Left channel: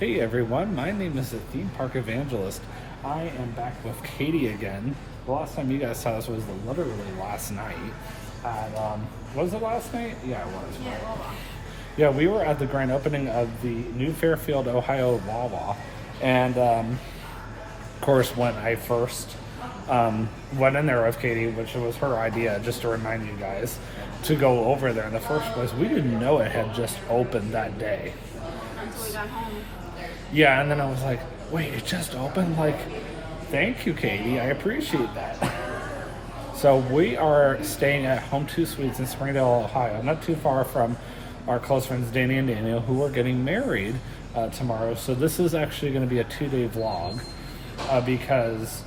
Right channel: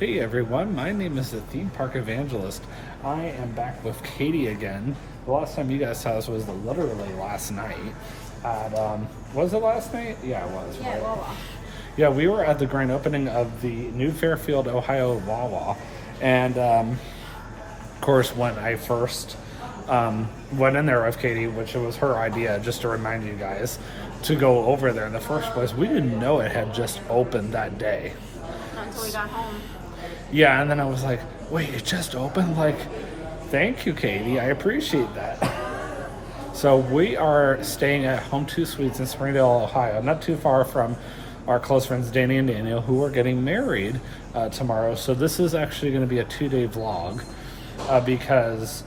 Hey everyone, my name is the Theme Park Evangelist. I am back with Katie again. The last time you guys saw us was literally last night. At, was it last night? Yeah, it was, right? Yeah, we were at the grand opening of the new Fairfield, Ohio Wawa. And, of course, when I first went in there with Katie, which was her idea, just to remind you guys, to go over there in the first place, we didn't know it had just opened that day. Until we got home. Yeah, and then I was like, wait, it just opened? Like, thank you, Katie. I appreciate that. So we are staying at Home 2 Suites in Springdale, Ohio, not too far from our close friends Danny and Daniel, who are getting married tomorrow. So this is actually going to be a 2-day vlog because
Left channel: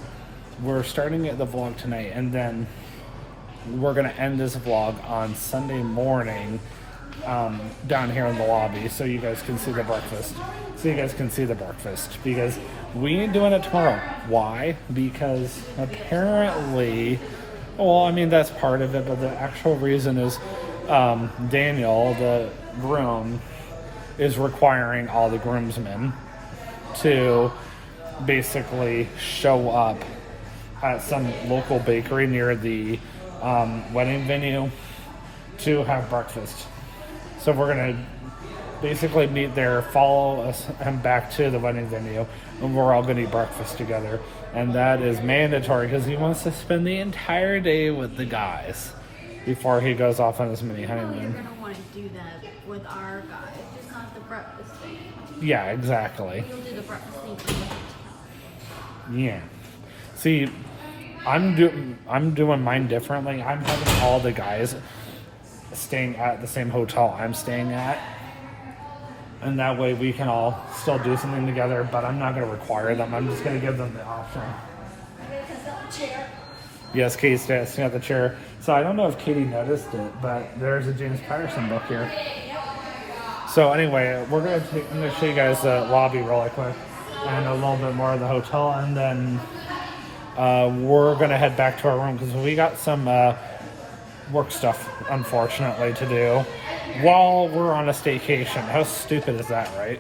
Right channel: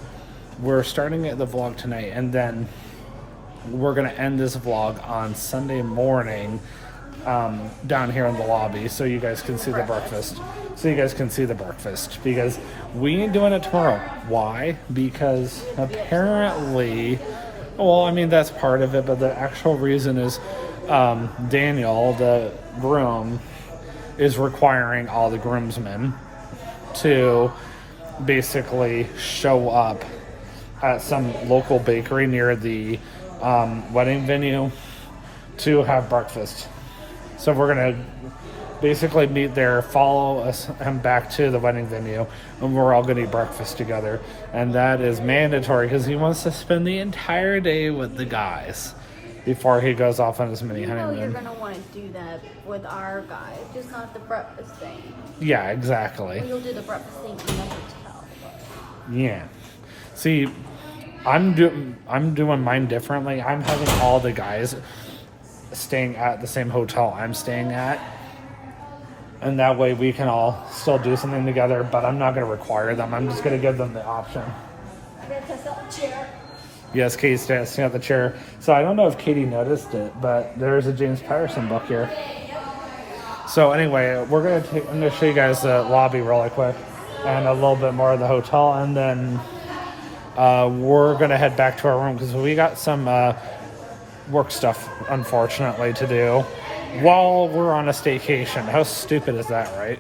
we're starting the vlog tonight, and then we're going to end this vlog on Sunday morning down here in the lobby so you guys can see the breakfast. Because we ain't doing it tomorrow. Why? Because apparently, well, I mean, that's part of it, but the actual reason is Daniel, the groom, is requiring all the groomsmen to basically show up at some local bakery near the wedding venue to have breakfast. So we're going to basically meet there, follow us and back to the wedding venue, and we're all going to eat breakfast together. And that is mandatory because he wants to spend the entire day with the guys before he goes off on his mini honeymoon. You're going to want to do that with our guys, just not the breakfast thing. Yeah, exactly. Well, you'll do the breakfast thing in the hotel. Yeah. See, I'm doing mine differently. I'm having all the guys staying at the same hotel I'm staying at, and that way we can all still do something together, but I'm not going to require them. I'm just going to give them the option. Yes, Katie's sitting at the chair. So I don't know if Katie noticed it, but there's a James Patterson book here. So anyway, I'm going to show you guys the lobby really quick and a little bit more of the hotel, and then we're going to head back to our room because we got some work stuff, unfortunately, to do while we're on a staycation. How stupid is that, right?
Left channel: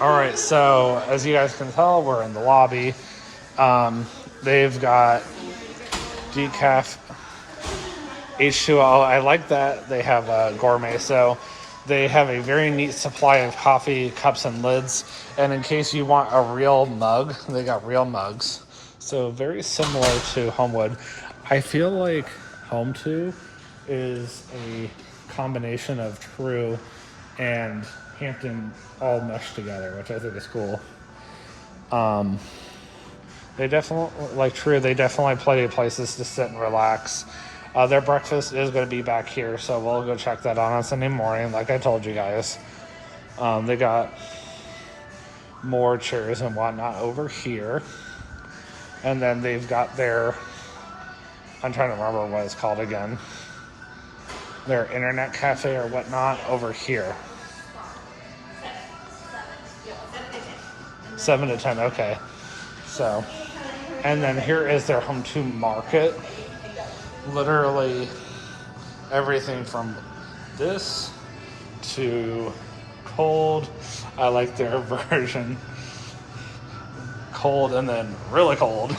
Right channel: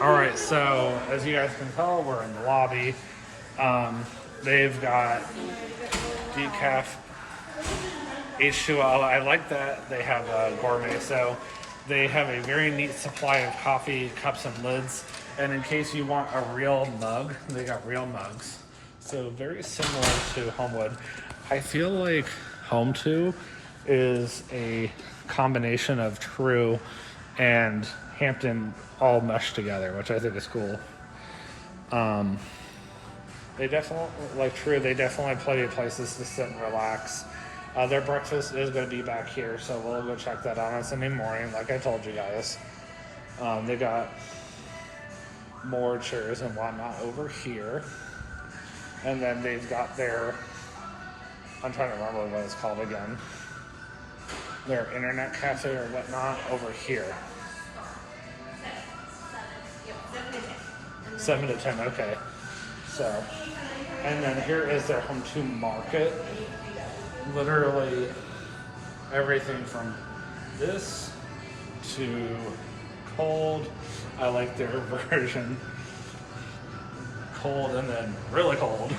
All right, so as you guys can tell, we're in the lobby. They've got decaf H2O. I like that they have gourmet, so they have a very neat supply of coffee cups and lids. And in case you want a real mug, they got real mugs. So very similar to Homewood. I feel like Home 2 is a combination of True and Hampton all meshed together, which I think is cool. They definitely, like True, they definitely have plenty of places to sit and relax. Their breakfast is going to be back here, so we'll go check that out on Sunday morning, like I told you guys. They got more chairs and whatnot over here. And then they've got their, I'm trying to remember what it's called again, their internet cafe or whatnot over here. 7 to 10, okay. So, and then here is their Home 2 market. Literally everything from this to cold. I like their version. Cold and then really cold.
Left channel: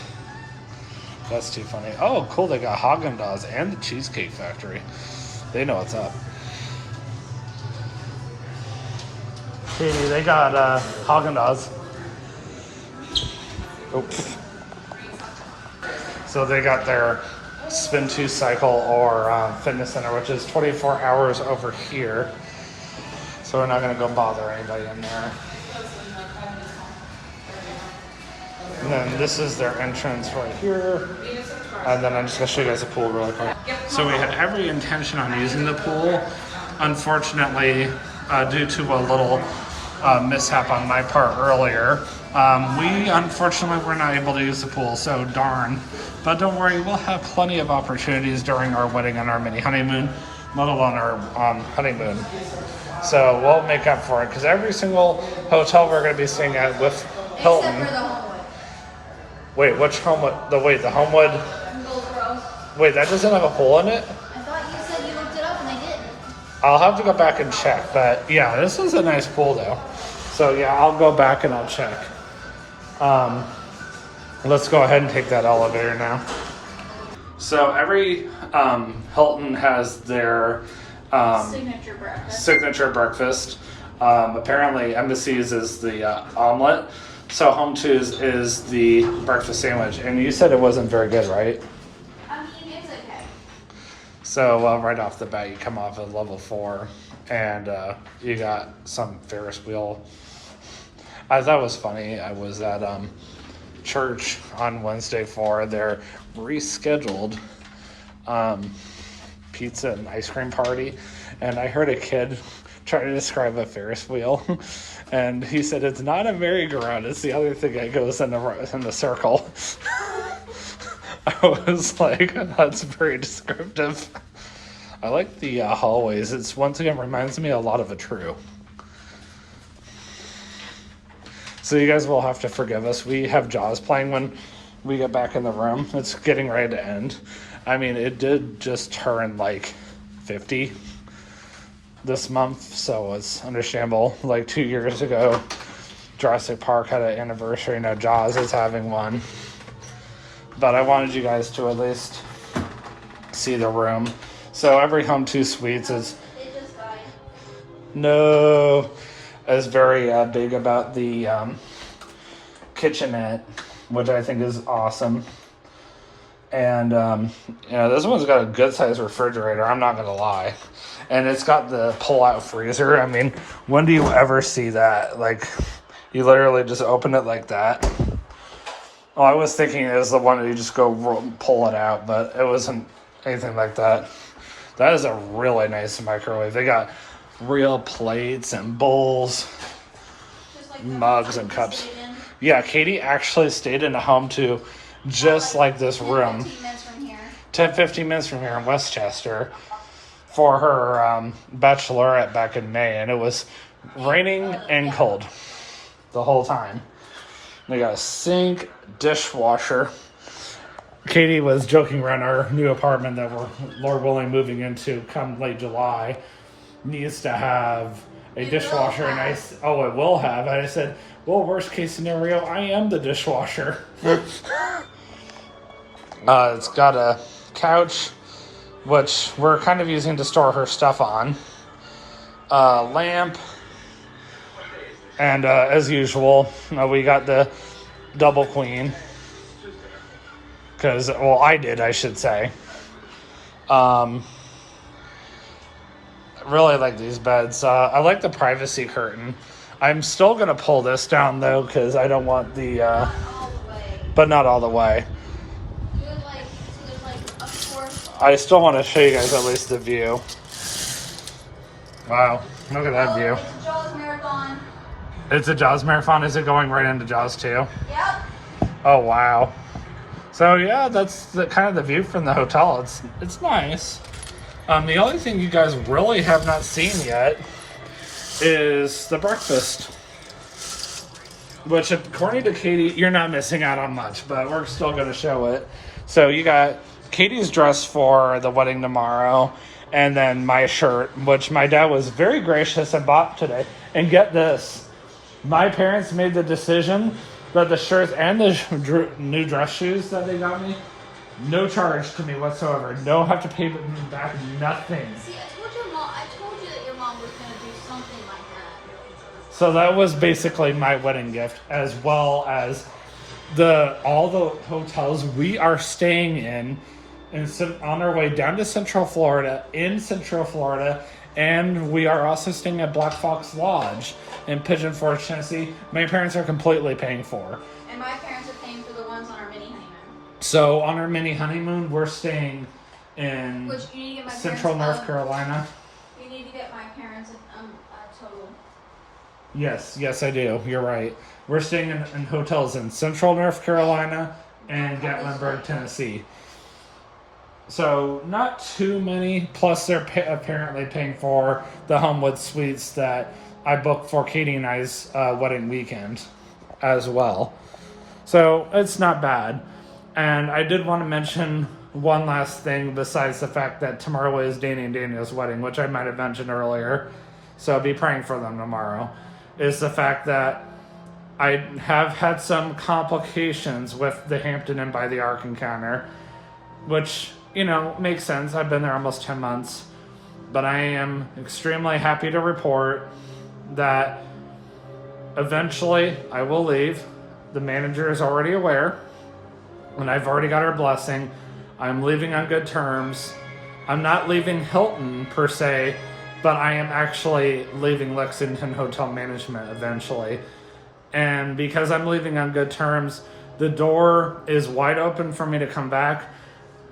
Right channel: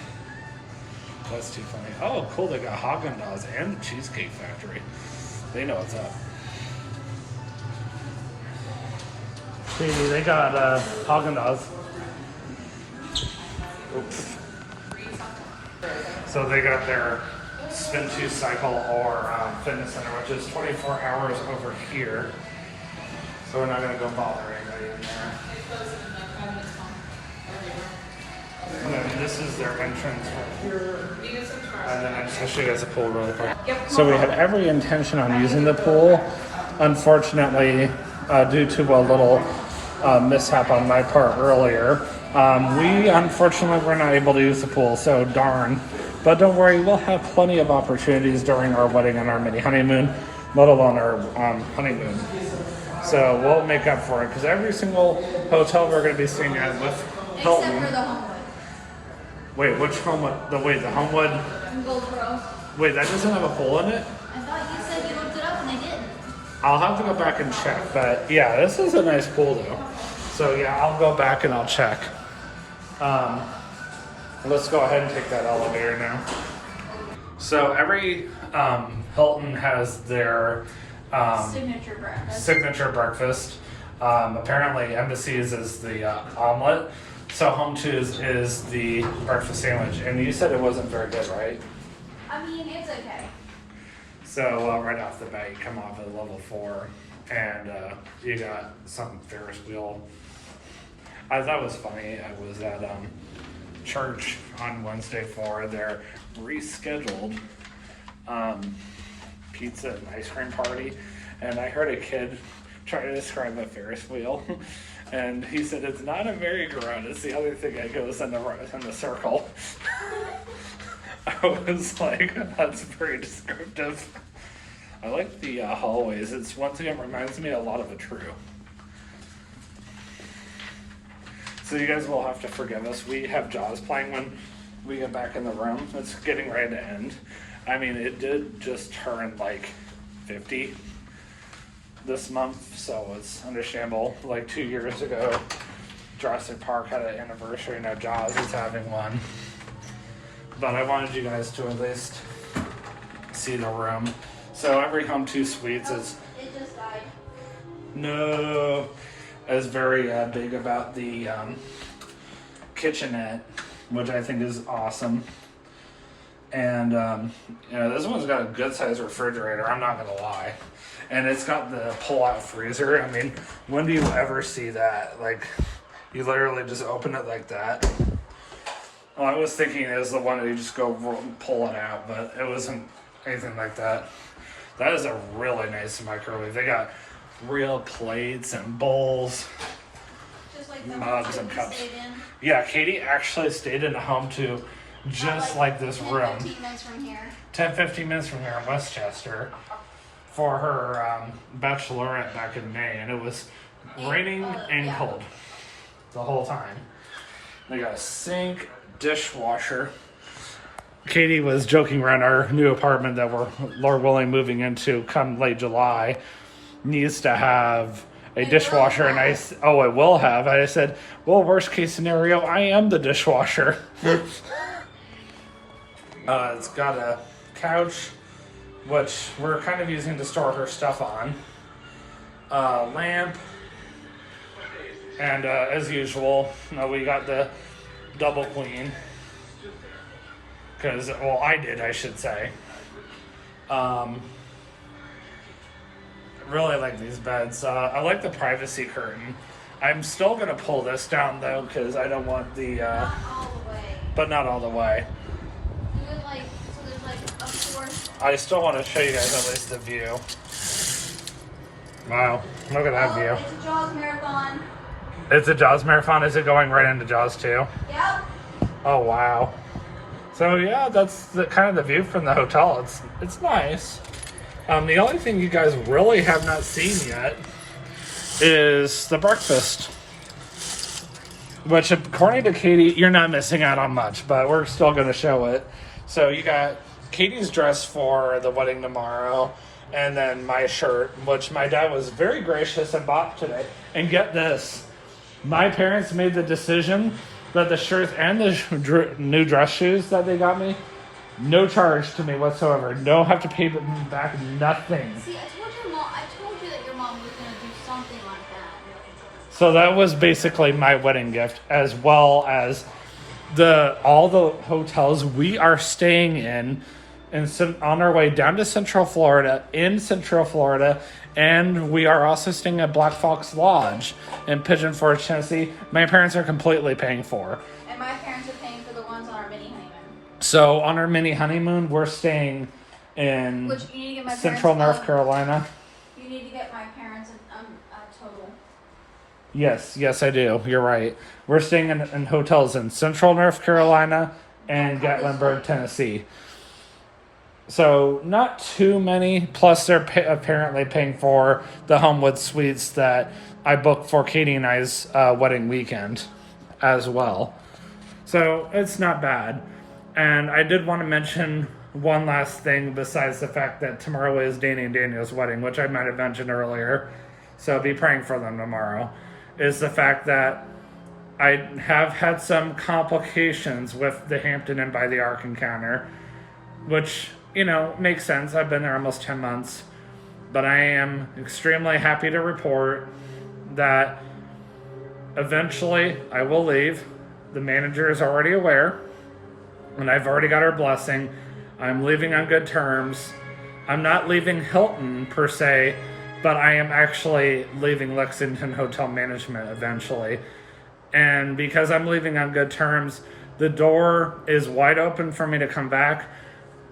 That's too funny. Oh, cool. They got Haagen-Dazs and the Cheesecake Factory. They know what's up. Katie, they got Haagen-Dazs. Oops. So they got their Spin 2 cycle or fitness center, which is 24 hours over here. So we're not going to go bother anybody in there. And then this is their entrance right here. And then I'm just going to show you guys the pool really quick. So we had every intention on using the pool. Unfortunately, due to a little mishap on my part earlier, we unfortunately were not able to use the pool, so darn. But don't worry, we'll have plenty of opportunities during our wedding and our mini honeymoon, let alone our honeymoon. So we'll make up for it, because every single hotel we're going to be staying at with Hilton. Except for the Homewood. Wait, which Homewood? The Homewood? In Goldsboro. Wait, that doesn't have a pool in it? I thought you said you looked it up and they didn't. I'll have to go back and check, but yeah, this is a nice pool though. So yeah, I'll go back and I'll check. Let's go ahead and take that elevator now. So every Hilton has their signature breakfast. Apparently, Embassy's is the omelet. So Home 2's is the breakfast sandwich. And you said it wasn't very good, right? I mean, it's okay. So right off the bat, you come off at level 4, and you got some Ferris wheel. I thought it was funny. I was at church on Wednesday for their rescheduled pizza and ice cream party, and I heard a kid try to describe a Ferris wheel, and he said it's not a merry-go-round, it's the other thing that goes in the circle. I was like, that's very descriptive. I like the hallways. It's once again reminds me a lot of a True. So you guys will have to forgive us. We have Jaws playing when we get back in the room. It's getting ready to end. I mean, it did just turn like 50 this month, so it's understandable. Like 2 years ago, Jurassic Park had an anniversary. Now Jaws is having one. But I wanted you guys to at least see the room. So every Home 2 Suites is... It just died. No... is very big about the kitchenette, which I think is awesome. And, this one's got a good-sized refrigerator, I'm not going to lie. And it's got the pull-out freezer. I mean, when do you ever see that? Like, you literally just open it like that. Well, I was thinking it was the one that you just go pull it out, but it wasn't anything like that. That is a really nice microwave. They got real plates and bowls, Just like mugs and cups. Yeah, Katie actually stayed in a Home 2 just like this room. 15 minutes from here. 10-15 minutes from here in Westchester for her bachelorette back in May, and it was raining and cold the whole time. We got a sink, dishwasher. Katie was joking around our new apartment that we're, Lord willing, moving into come late July. Needs to have a dishwasher, and it will have. And I said, well, worst case scenario, I am the dishwasher. It's got a couch, which we're kind of using to store her stuff on. Lamp, and as usual, we got the double queen. Because, well, I should say. Really like these beds. I like the privacy curtain. I'm still going to pull this down, though, because I don't want the... Not all the way. But not all the way. There's a fourth. I still want to show you guys at least the view. Wow, look at that view. It's a Jaws marathon. It's a Jaws marathon? Is it going right into Jaws 2? Yep. Oh, wow. So, yeah, that's kind of the view from the hotel. It's nice. The only thing you guys really have not seen yet is the breakfast. Which, according to Katie, you're not missing out on much, but we're still going to show it. So you got Katie's dress for the wedding tomorrow, and then my shirt, which my dad was very gracious and bought today. And get this, my parents made the decision that the shirts and the new dress shoes that they got me, no charge to me whatsoever. No have to pay back nothing. See, I told you that your mom was going to do something like that. So that was basically my wedding gift, as well as all the hotels we are staying in on our way down to Central Florida, and we are also staying at Black Fox Lodge in Pigeon Forge, Tennessee. My parents are completely paying for. And my parents are paying for the ones on our mini honeymoon. So on our mini honeymoon, we're staying in Central North Carolina. You need to get my parents a total. Yes, I do. You're right. We're staying in hotels in Central North Carolina and Gatlinburg, Tennessee. So not too many. Plus, they're apparently paying for the Homewood Suites that I booked for Katie and I's wedding weekend as well. So it's not bad. And I did want to mention one last thing besides the fact that tomorrow is Danny and Daniel's wedding, which I might have mentioned earlier. So be praying for them tomorrow. is the fact that I have had some complications with the Hampton Inn by the Ark encounter, which, makes sense. I've been there almost 10 months. But I am extremely happy to report that eventually I will leave. The manager is already aware, and I've already got her blessing. I'm leaving on good terms. I'm not leaving Hilton per se, but I am actually leaving Lexington Hotel Management eventually. And because I'm leaving on good terms, the door is wide open for me to come back.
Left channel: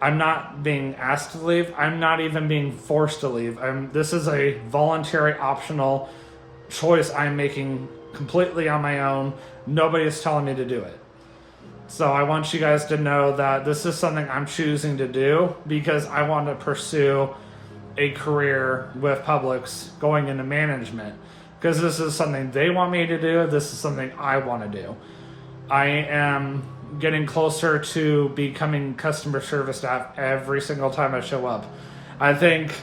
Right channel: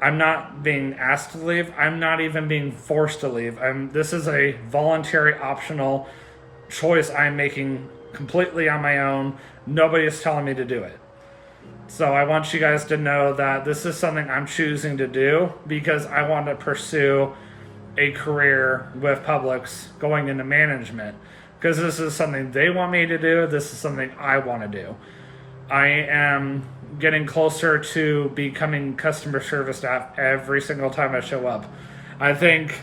I'm not being asked to leave. I'm not even being forced to leave. This is a voluntary, optional choice I'm making completely on my own. Nobody is telling me to do it. So I want you guys to know that this is something I'm choosing to do because I want to pursue a career with Publix going into management. Because this is something they want me to do. This is something I want to do. I am getting closer to becoming customer service staff every single time I show up. I think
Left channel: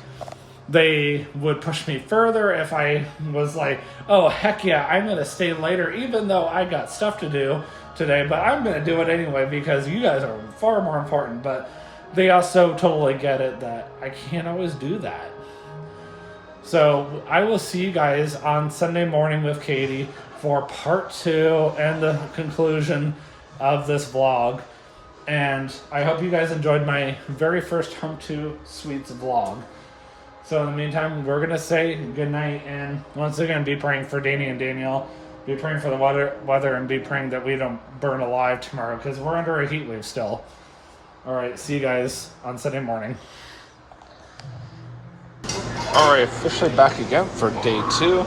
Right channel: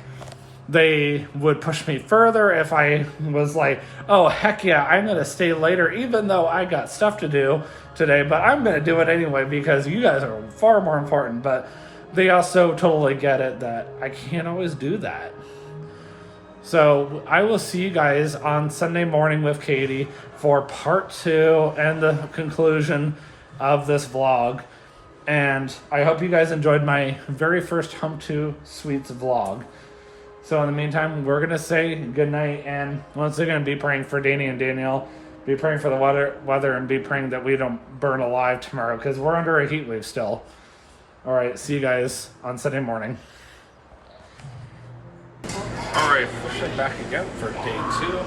they would push me further if I was like, oh, heck yeah, I'm going to stay later, even though I got stuff to do today, but I'm going to do it anyway because you guys are far more important. But they also totally get it that I can't always do that. So I will see you guys on Sunday morning with Katie for part 2 and the conclusion of this vlog. And I hope you guys enjoyed my very first Home 2 Suites vlog. So in the meantime, we're going to say good night. And once again, be praying for Danny and Danielle. Be praying for the weather and be praying that we don't burn alive tomorrow because we're under a heat wave still. All right, see you guys on Sunday morning. All right, officially back again for day 2.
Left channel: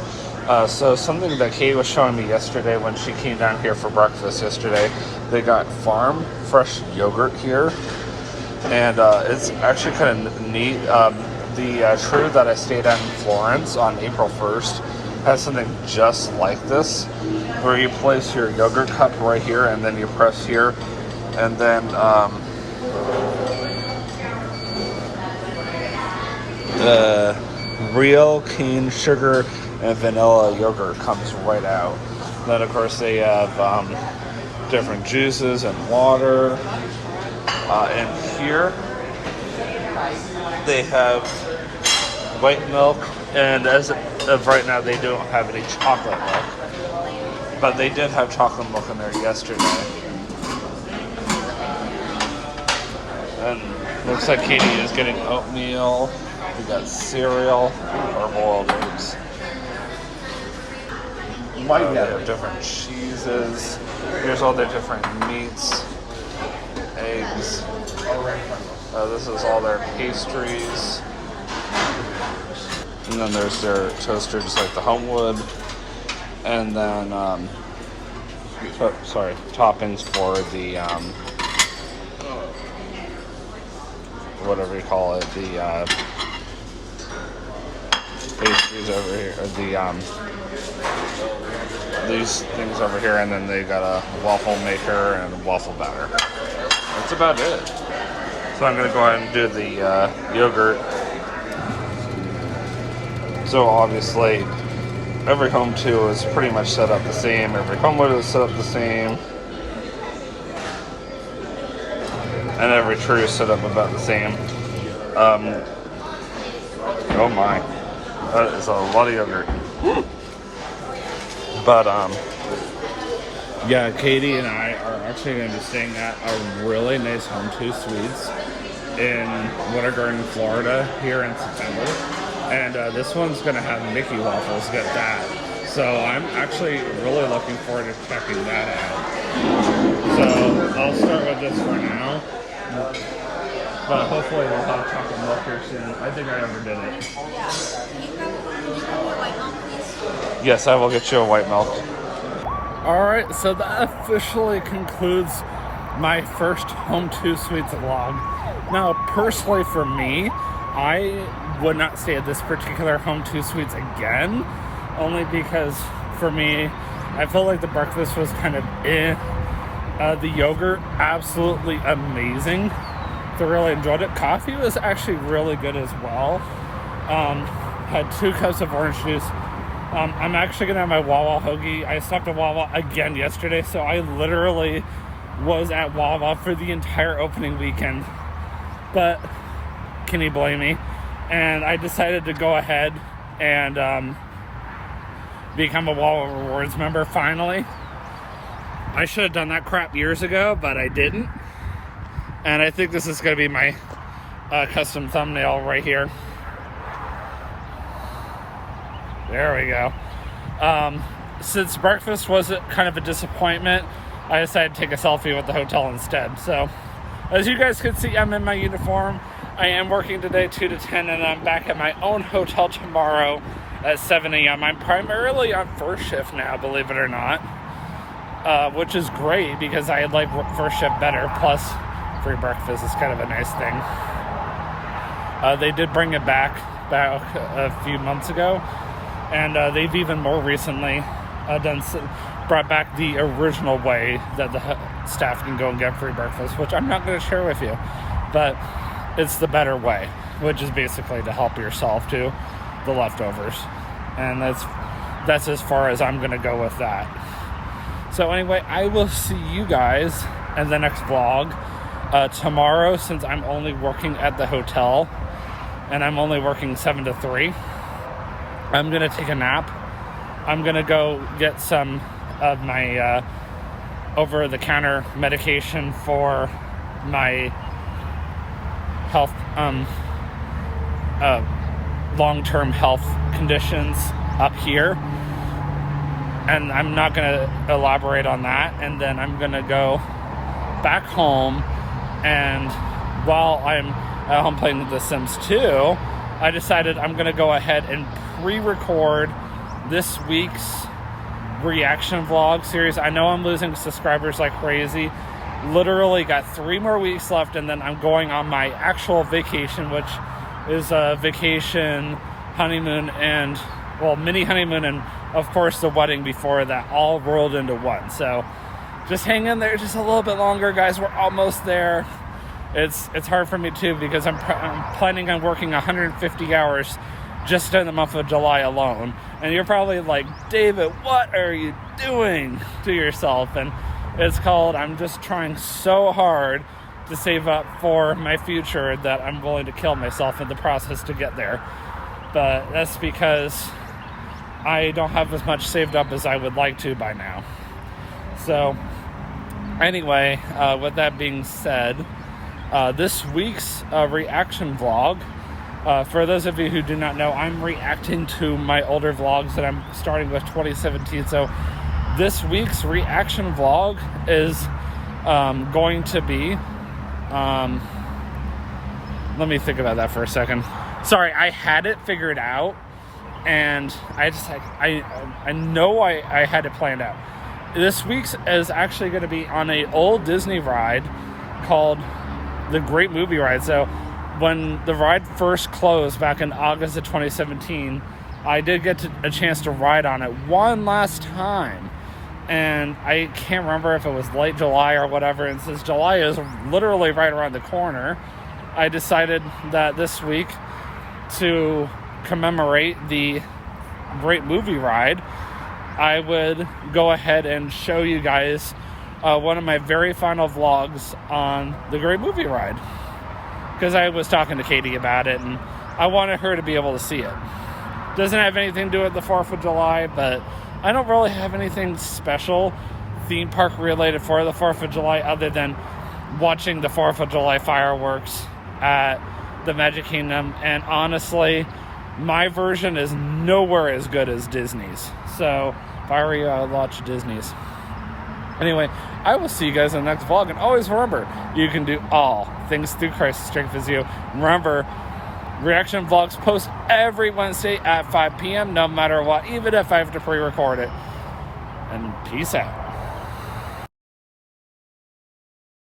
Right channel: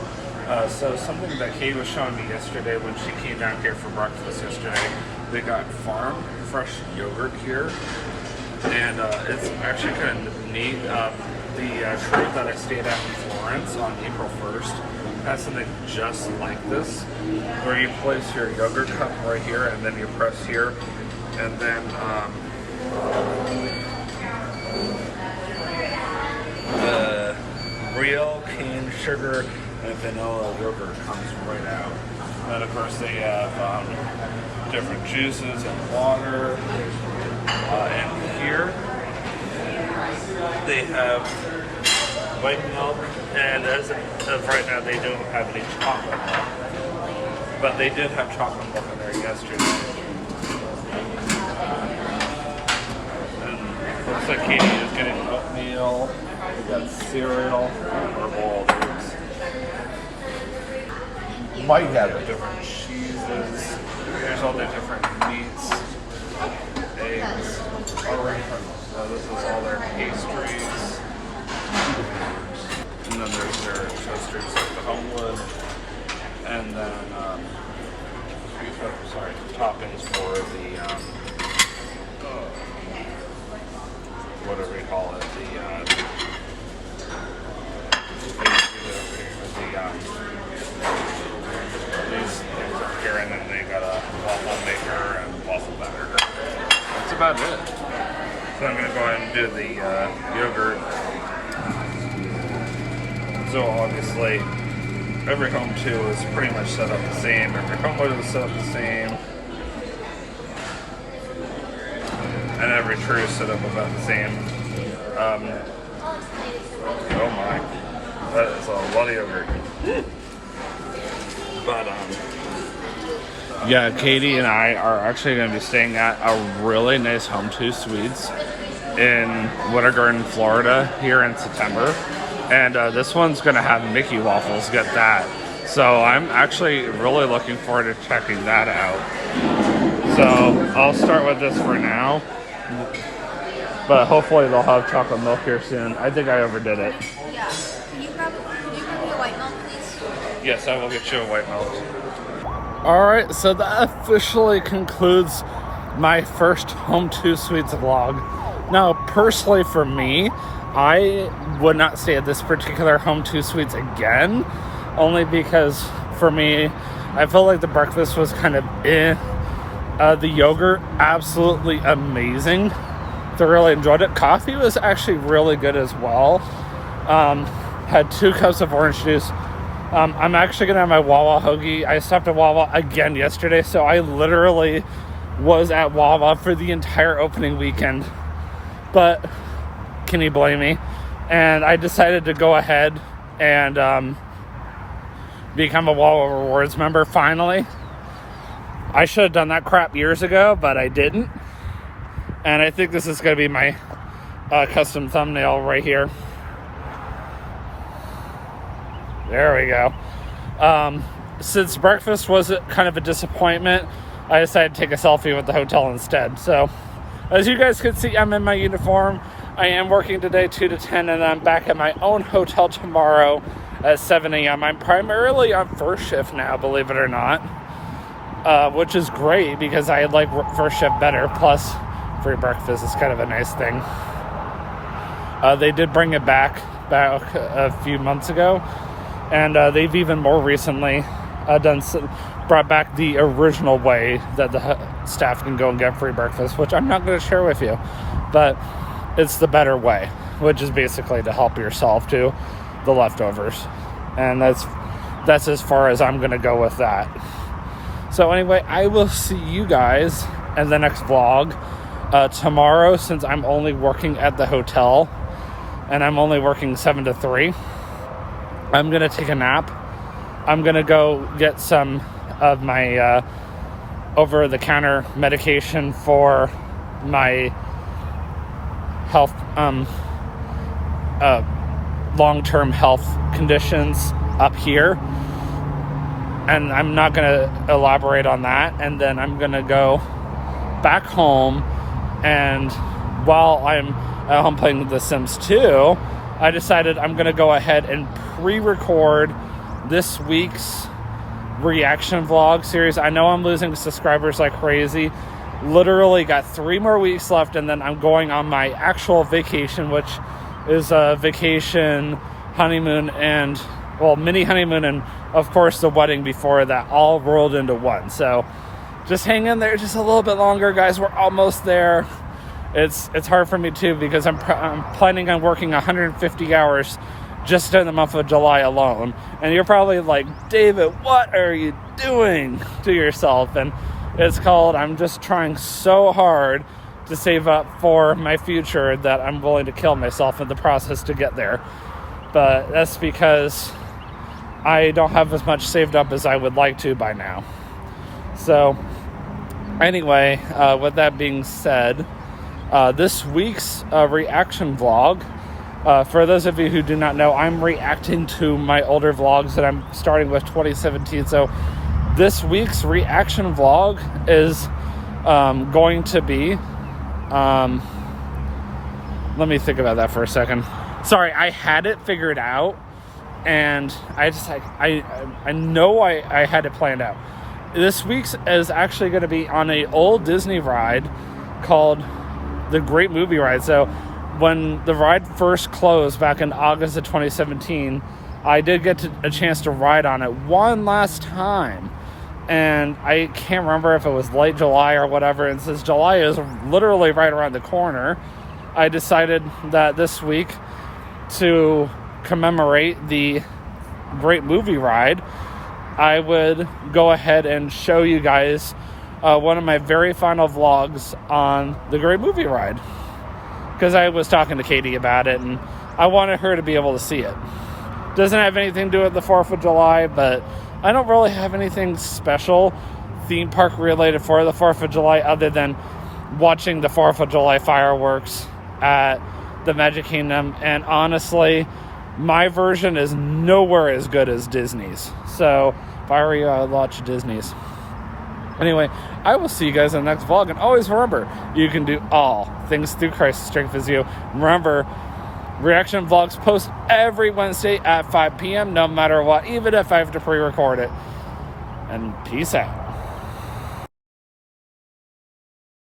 So something that Katie was showing me yesterday when she came down here for breakfast yesterday, they got farm fresh yogurt here, and it's actually kind of neat. The trip that I stayed at in Florence on April 1st has something just like this, where you place your yogurt cup right here, and then you press here, and then the real cane sugar and vanilla yogurt comes right out. Then of course they have different juices and water. And here they have white milk, and as of right now they don't have any chocolate milk, but they did have chocolate milk in there yesterday. And looks like Katie is getting oatmeal. We got cereal, hard-boiled eggs. They have different cheeses. Here's all the different meats, eggs. This is all their pastries. And then there's their toasters like the Homewood. And then, toppings for the, whatever you call it, the, pastries over here, these things over here, and then they've got a waffle maker and a waffle batter. That's about it. So I'm going to go ahead and do the yogurt. So obviously, every Home 2 is pretty much set up the same. Every Homewood is set up the same. And every tree is set up about the same. Oh my. That is a lot of yogurt. But, yeah, Katie and I are actually going to be staying at a really nice Home 2 Suites in Winter Garden, Florida here in September. And this one's going to have Mickey waffles, get that. So I'm actually really looking forward to checking that out. So I'll start with this for now. But hopefully they'll have chocolate milk here soon. I think I overdid it. Yeah. Could you grab me a white milk, please? Yes, I will get you a white milk. Alright, so that officially concludes my first Home 2 Suites vlog. Now, personally for me, I would not stay at this particular Home 2 Suites again, only because for me, I felt like the breakfast was kind of eh. The yogurt, absolutely amazing. I really enjoyed it. Coffee was actually really good as well. Had 2 cups of orange juice, I'm actually going to have my Wawa hoagie. I stopped at Wawa again yesterday, so I literally was at Wawa for the entire opening weekend. But can you blame me? And I decided to go ahead and become a Wawa Rewards member finally. I should have done that crap years ago, but I didn't. And I think this is going to be my custom thumbnail right here. There we go. Since breakfast was kind of a disappointment, I decided to take a selfie with the hotel instead. So, as you guys can see, I'm in my uniform. I am working today 2 to 10, and I'm back at my own hotel tomorrow at 7 a.m. I'm primarily on first shift now, believe it or not, which is great because I like first shift better. Plus, free breakfast is kind of a nice thing. They did bring it back a few months ago. And they've even more recently brought back the original way that the staff can go and get free breakfast, which I'm not going to share with you. But it's the better way, which is basically to help yourself to the leftovers. And that's as far as I'm going to go with that. So anyway, I will see you guys in the next vlog tomorrow, since I'm only working at the hotel and I'm only working 7 to 3. I'm going to take a nap. I'm going to go get some of my over-the-counter medication for my health, long-term health conditions up here. And I'm not going to elaborate on that. And then I'm going to go back home. And while I'm at home playing The Sims 2, I decided I'm going to go ahead and pre-record this week's reaction vlog series. I know I'm losing subscribers like crazy. Literally got 3 more weeks left, and then I'm going on my actual vacation, which is a vacation, honeymoon, and, well, mini honeymoon, and of course the wedding before that, all rolled into one. So just hang in there just a little bit longer, guys. We're almost there. It's hard for me too, because I'm planning on working 150 hours just in the month of July alone. And you're probably like, David, what are you doing to yourself? And it's called, I'm just trying so hard to save up for my future that I'm willing to kill myself in the process to get there. But that's because I don't have as much saved up as I would like to by now. So anyway, with that being said, this week's reaction vlog, for those of you who do not know, I'm reacting to my older vlogs that I'm starting with 2017. So this week's reaction vlog is going to be, let me think about that for a second. Sorry, I had it figured out, and I just like I know I had it planned out. This week's is actually going to be on a old Disney ride called the Great Movie Ride. So when the ride first closed back in August of 2017, I did get a chance to ride on it one last time. And I can't remember if it was late July or whatever. And since July is literally right around the corner, I decided that this week, to commemorate the Great Movie Ride, I would go ahead and show you guys one of my very final vlogs on the Great Movie Ride, because I was talking to Katie about it and I wanted her to be able to see it. Doesn't have anything to do with the 4th of July, but I don't really have anything special theme park related for the 4th of July other than watching the 4th of July fireworks at the Magic Kingdom. And honestly, my version is nowhere as good as Disney's. So if I were you, I would watch Disney's. Anyway, I will see you guys in the next vlog. And always remember, you can do all things through Christ who strengthens you. And remember, reaction vlogs post every Wednesday at 5 p.m. no matter what, even if I have to pre-record it. And peace out.